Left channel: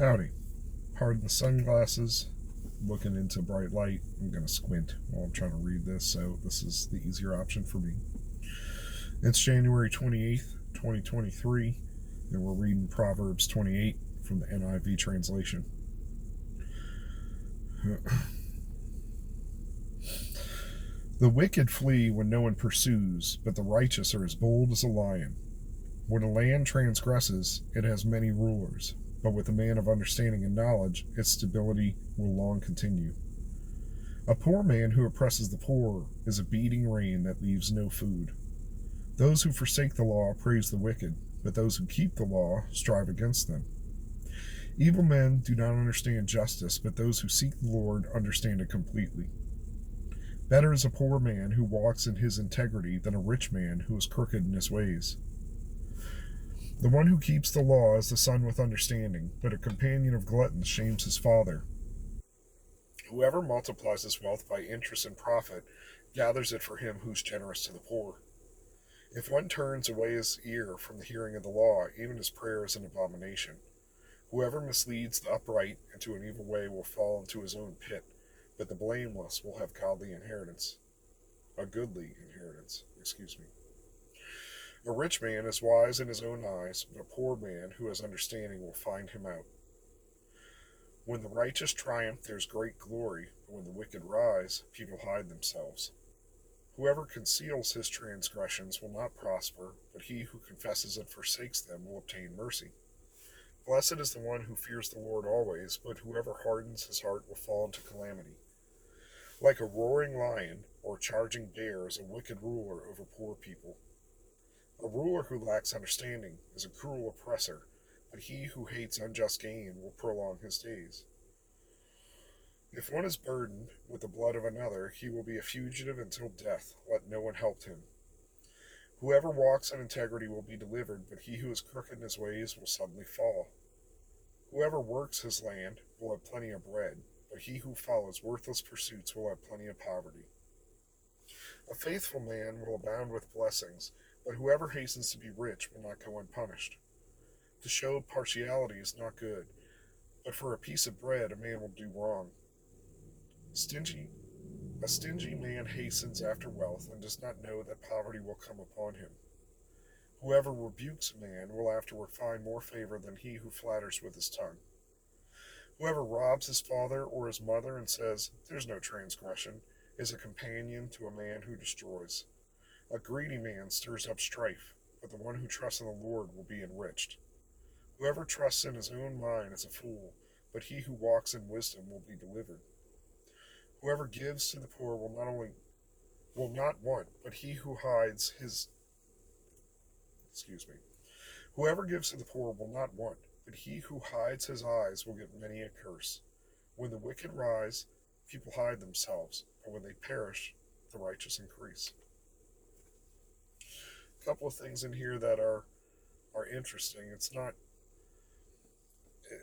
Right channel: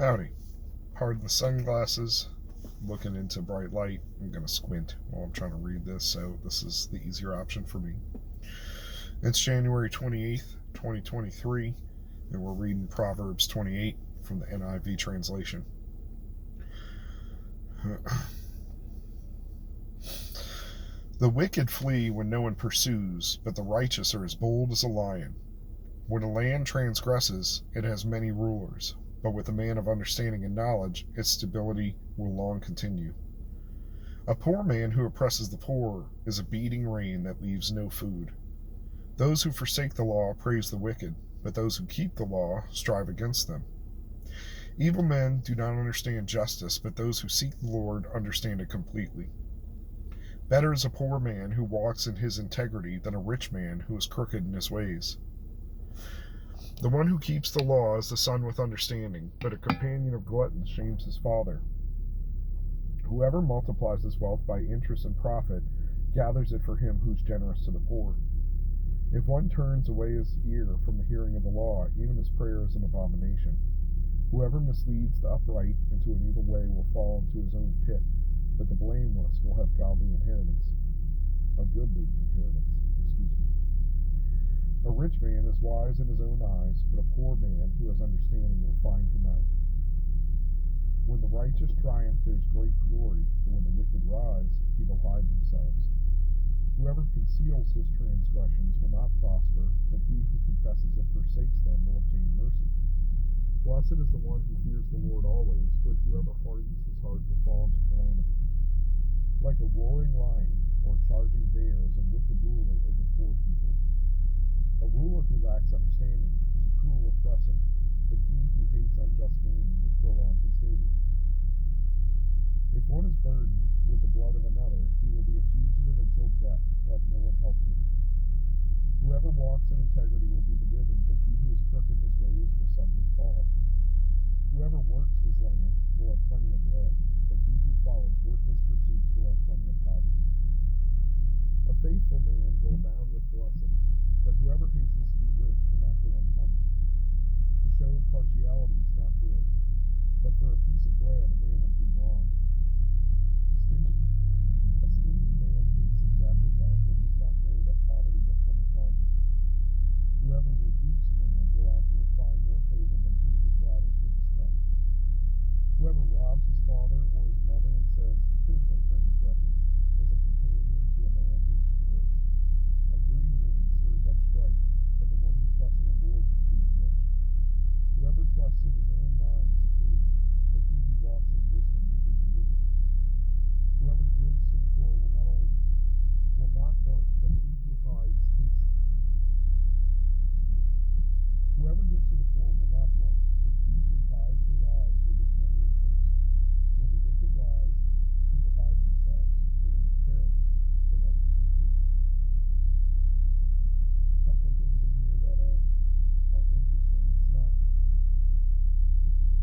Howdy. Pardon the sunglasses. Looking into bright light. I'm going to squint while I'm trying to read this, so this is the easier option for me. It's January 28th, 2023, and we're reading Proverbs 28 from the NIV translation. The wicked flee when no one pursues, but the righteous are as bold as a lion. When a land transgresses, it has many rulers, but with a man of understanding and knowledge, its stability will long continue. A poor man who oppresses the poor is a beating rain that leaves no food. Those who forsake the law praise the wicked, but those who keep the law strive against them. Evil men do not understand justice, but those who seek the Lord understand it completely. Better is a poor man who walks in his integrity than a rich man who is crooked in his ways. The one who keeps the law is the son with understanding, but a companion of gluttons shames his father. Whoever multiplies his wealth by interest and profit gathers it for him who's generous to the poor. If one turns away his ear from the hearing of the law, even his prayer is an abomination. Whoever misleads the upright into an evil way will fall into his own pit, but the blameless will have goodly inheritance. A rich man is wise in his own eyes, but a poor man who has understanding will find him out. When the righteous triumph, there's great glory, but when the wicked rise, people hide themselves. Whoever conceals his transgressions will not prosper, but he who confesses and forsakes them will obtain mercy. Blessed is the one who fears the Lord always, but whoever hardens his heart will fall into calamity. Like a roaring lion or charging bear is a wicked ruler over poor people. A ruler who lacks understanding is a cruel oppressor, but he who hates unjust gain will prolong his days. If one is burdened with the blood of another, he will be a fugitive until death. Let no one help him. Whoever walks in integrity will be delivered, but he who is crooked in his ways will suddenly fall. Whoever works his land will have plenty of bread, but he who follows worthless pursuits will have plenty of poverty. A faithful man will abound with blessings, but whoever hastens to be rich will not go unpunished. To show partiality is not good, but for a piece of bread a man will do wrong. A stingy man hastens after wealth and does not know that poverty will come upon him. Whoever rebukes a man will afterward find more favor than he who flatters with his tongue. Whoever robs his father or his mother and says, "There's no transgression," is a companion to a man who destroys. A greedy man stirs up strife, but the one who trusts in the Lord will be enriched. Whoever trusts in his own mind is a fool, but he who walks in wisdom will be delivered. Whoever gives to the poor will not want, but he who hides his Whoever gives to the poor will not want, but he who hides his eyes will get many a curse. When the wicked rise, people hide themselves, and when they perish, the righteous increase. A couple of things in here that are interesting.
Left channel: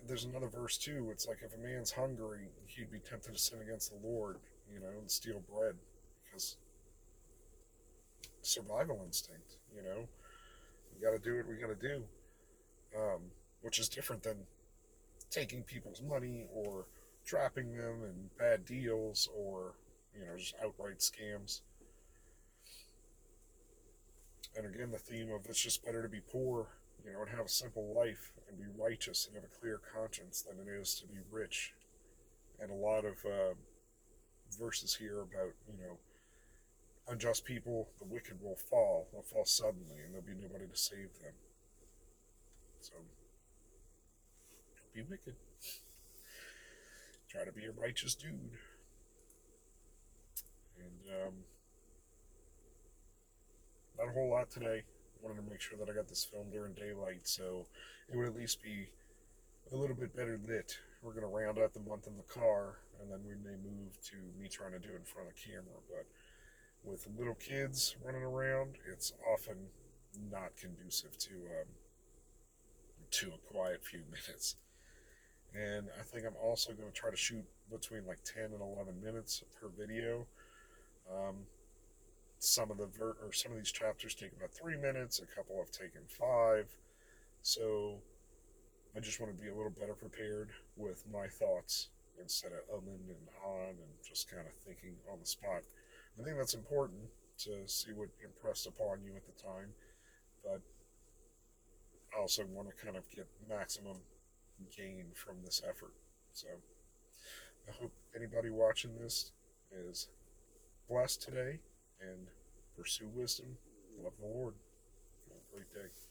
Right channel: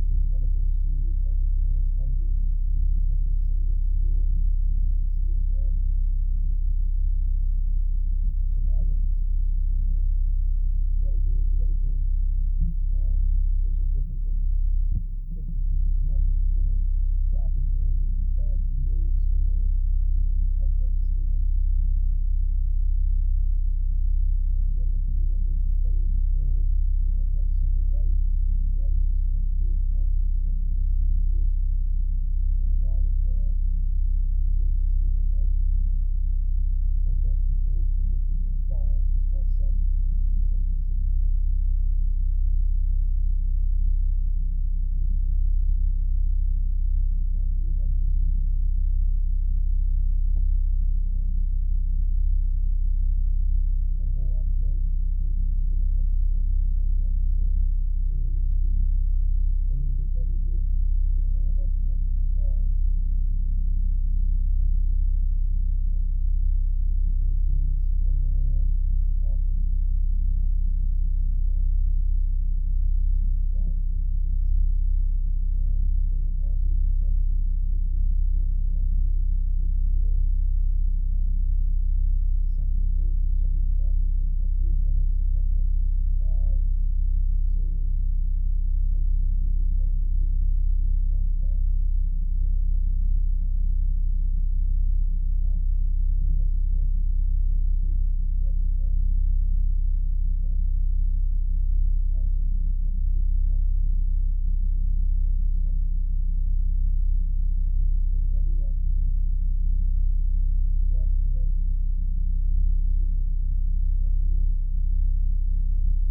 There's another verse too. It's like if a man's hungry, he'd be tempted to sin against the Lord, and steal bread, because survival instinct, we got to do what we got to do, which is different than taking people's money or trapping them in bad deals or just outright scams. And again, the theme of it's just better to be poor, and have a simple life and be righteous and have a clear conscience than it is to be rich. And a lot of verses here about unjust people, the wicked will fall. They'll fall suddenly, and there'll be nobody to save them. So don't be wicked. Try to be a righteous dude. And not a whole lot today. Wanted to make sure that I got this filmed during daylight, so it would at least be a little bit better lit. We're going to round out the month in the car, and then we may move to me trying to do it in front of camera. But with little kids running around, it's often not conducive to a quiet few minutes. And I think I'm also going to try to shoot between like 10 and 11 minutes per video. Some of these chapters take about 3 minutes. A couple have taken 5. So I just want to be a little better prepared with my thoughts instead of umming and hawing and just kind of thinking on the spot. I think that's important to see what impressed upon you at the time, but I also want to kind of get maximum gain from this effort. So I hope anybody watching this is blessed today and pursue wisdom. Love the Lord. Have a great day.